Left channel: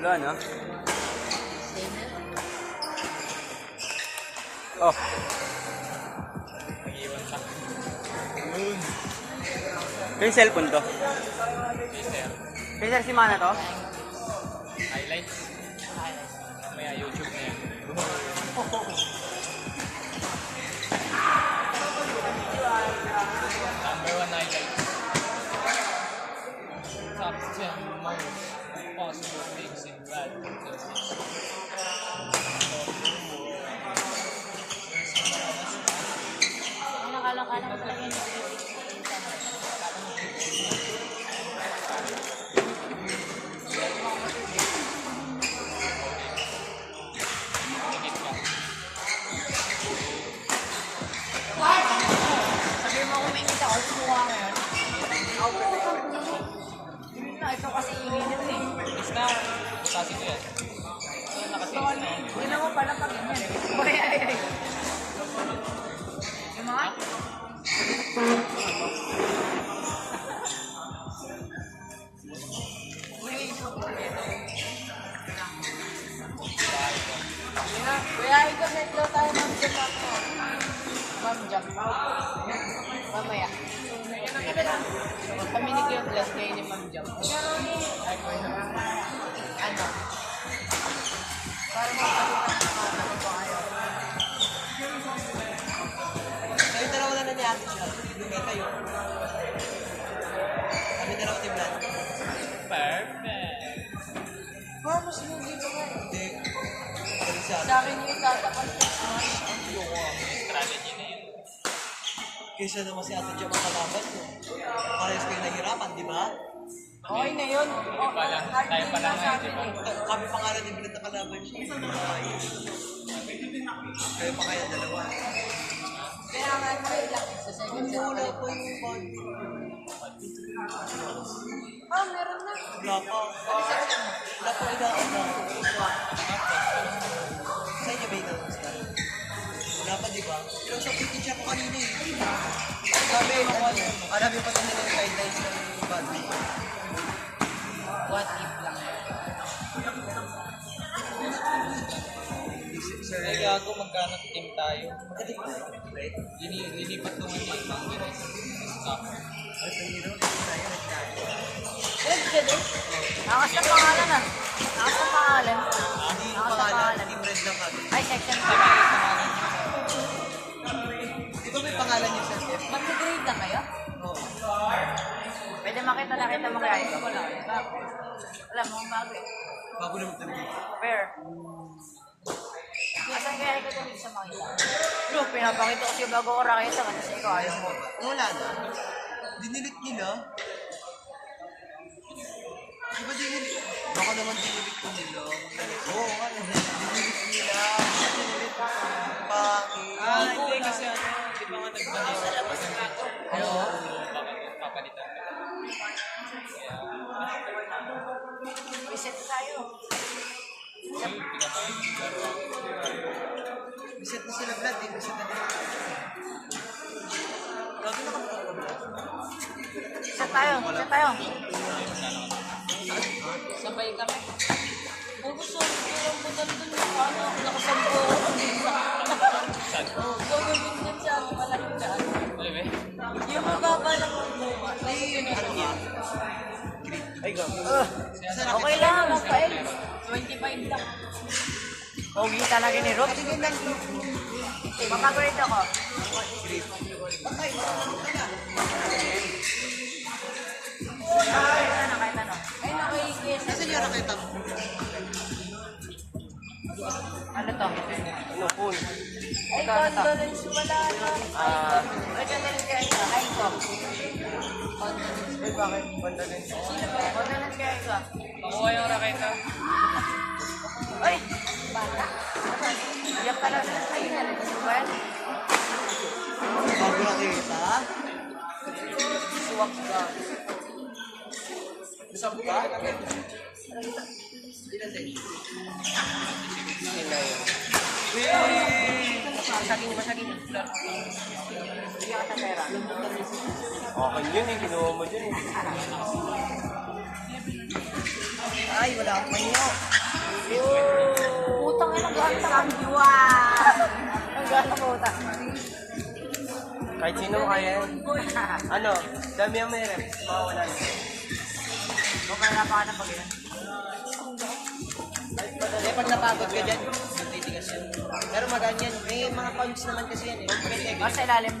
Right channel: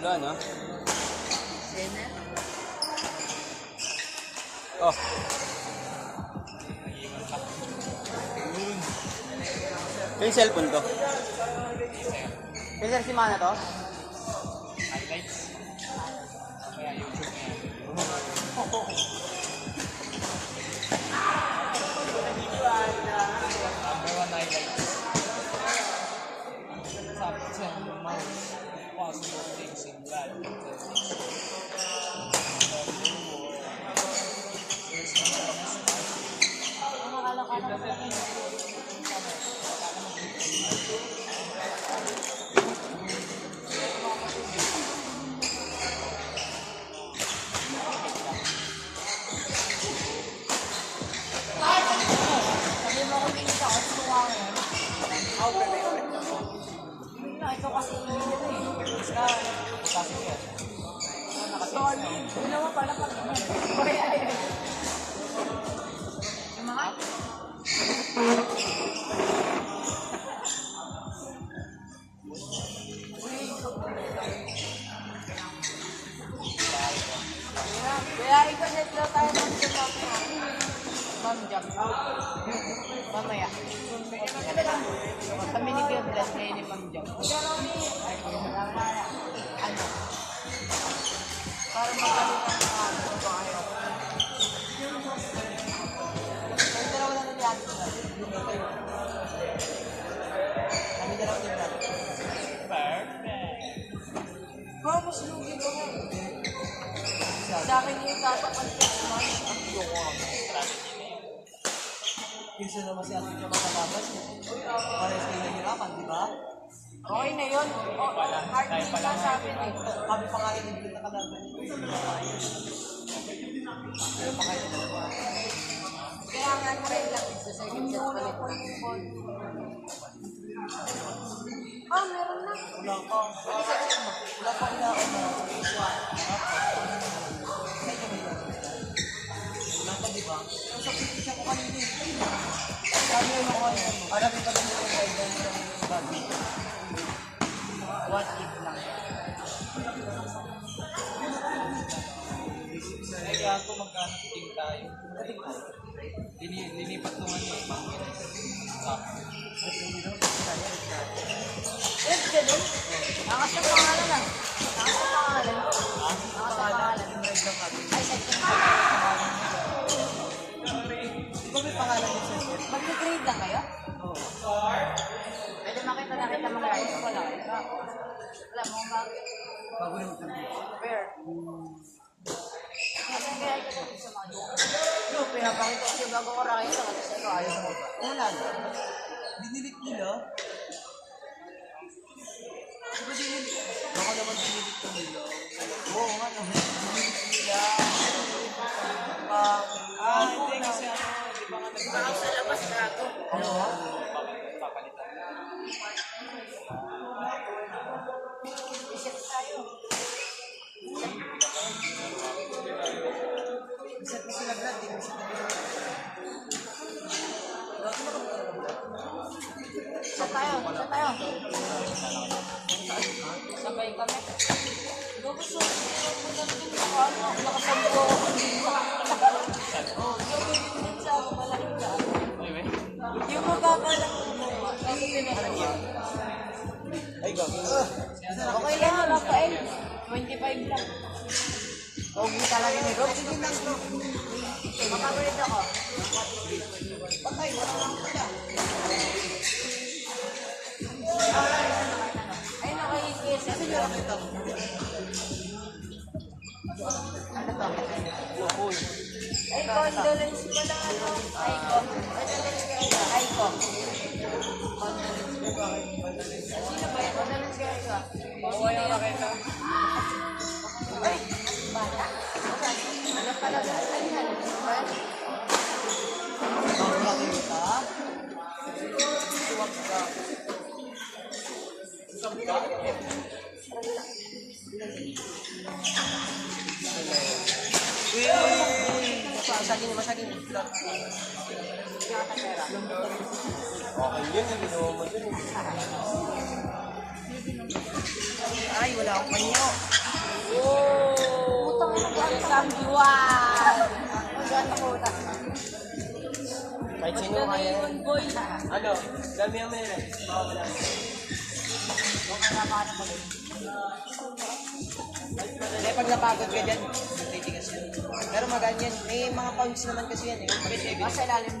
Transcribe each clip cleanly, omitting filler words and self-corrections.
Wala na. Oh. Nag-iwan pa. Yung cellphone to. Sir. Kaya si Mana to? Highlights. Mamaya YouTube na yan. Number 1 highlights. Top 10 most possible things in life. Sabi mo kung may kita ko, suwa ko yan. Ito kasi init eh. Is na, butasin ko yan. Hindi naman pala pag uy, ay. Yung mga? Kuya, ikaw-set daw tayo ng jump na. Ma'am jump. Mamaya. Kami ni Kuya Blas ngayon ni Ma'am jump. Ano? Para makalitan ng ano ko ayaw. Kayo dalawa lang na ni Ate Vlad. Hindi kayo. Kami dalawa ni Vlad. Perfect. Mas lugi ko nga. Hindi. Sa akin yung tatakan ko. Ang yung strategy na yun. Kaysa naman si Ate Jam ang kalabas mo. Parehas kayo nahihirapan, di ba? Okay na yun. Oh, hard tayo din pala lang sa atin eh. Kami pa nga rin ni Vlad na kalaban siya. Kayo pa kayo dalawa. Kaya nga try lang. Sa second set Wala palit pa lang. yung body. Ah, meron na. Wala pa. Ano section mo? Wala pa ilaan na. Sa inyo ba yung nag-start? Wala pa, di ba? Pero sa picture ko kanina eh. Sabi mo ko ano. Marami pa din nila yung guidelines ng body. What if lang. Ay, gago, magkanap team tayo. Lilipat nung ano eh, mga stop. Ed ka doon? Angas na pangalan na. Angas na pangalan. Hindi yung pangalan, team red lang kami. Ay, section ko. Di ba may pangalan yung sa chef? Mag-grade lang kayo? Oo. Pwede makita na kita mga guys. Wala. Alam mo, bakit? Bago naman kami. Fair. Saan kaya ikaw dito sa mga ito? No, pinapakita ko siya bago ko kayo sa kasi ikaw ayaw mo. Wala na. Dinilit nila. Di ba dinilit? Baka naman dinilit ko nila. Oo nga naman. Dinilit nila. Hindi kasi ano, di ba nga nagbalis? Sa labas ka to. Oo. Papalitan na. Reset tayo. Biset na sila Vlad. Biset na nila. Grabe naman talaga Vlad. Reset tayo. Reset tayo. Sabay kami. Bago sa hirap mo na dun yung ano, nakasampo ako kanina. Oo, gagawin din sa ako malaking daan. Alam eh? Yung mababa lang ang buwa. Ay, yun na lang. Ay, go. Okay lang, Rafael. 25 lang. Pogi talaga ni Rob. Sige lang to. Makabird ako. Bakay, wala naman pala. Ay, naka-EKS. Kasi nyo nakita mo. Ano to? Cool. Ay, condolence pala, ano? Ay, Ay, ko. Condolence. Sino ba yung condolence kaya ito? Makuha yung nakita. Ay, bata? Saan? Iyak ka na. Ay, nalagyan mo ba yan? Bago nakita. Tuwag ka. Masaging Vlad. Okay yun, hindi naman mo dyan. Ay, wala akong panyo. Putang ina, gano'n ka. Wow! Gano'n mo ta. Kahit sino kaya yan. Boy. Ano? Dami ang may rep. Mawawala na. Hindi, pag napagod ka dyan, titigas yan. Pero maganyan. May mga pounds naman kasi yan eh. Sa ilalim.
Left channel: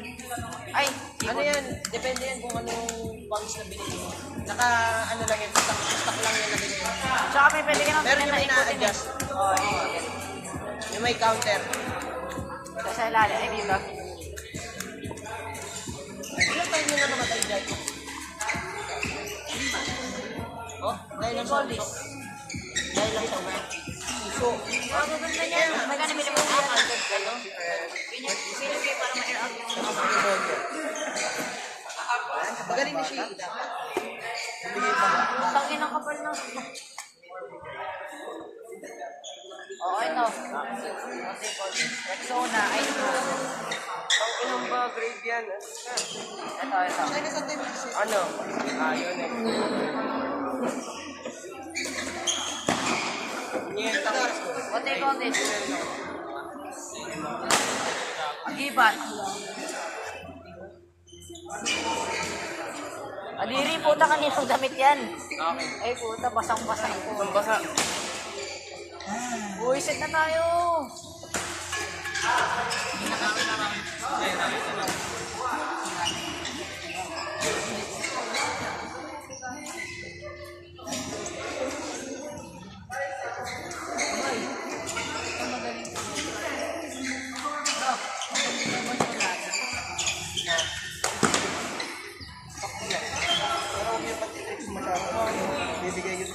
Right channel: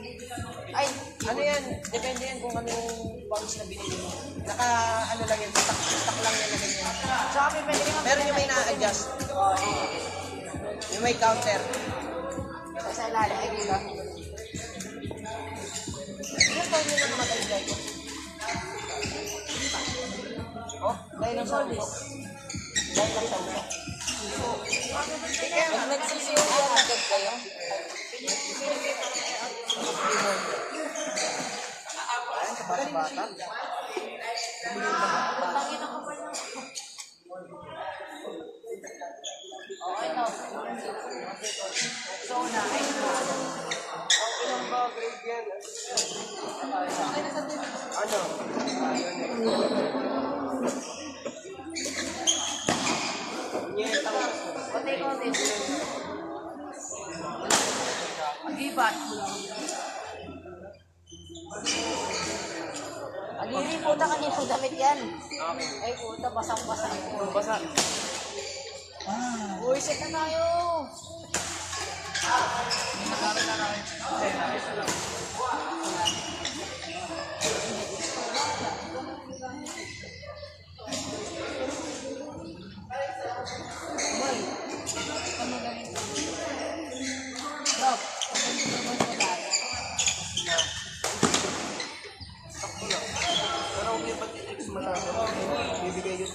Ay, Ano yan? Depende yan kung anong pounds na binili mo. Naka, ano lang yan, stock lang yan na ganyan. tsaka may pwede ka Pero yung may na-adjust. Yung may counter. sa ilalim. Ay, dito. Ilang taon nyo na namatay dyan? Oh, dahil lang sa uso. Dahil lang sa uso. Uso. Kaya nga, nagsisimulan agad kayo. Magaling na siya. Tangin ang kapal na. Okay, no. Ito muna. Ay, ito. Ilang mga grade yan? Ito. Ano? Yun eh. Konti, konti. Ibat. Aliri, puta kaninang damit yan. Ay, puta, basang-basang po. Basta. Uy, set na tayo. Pero huwag yung pag-tricks masyado. Bibigay yun.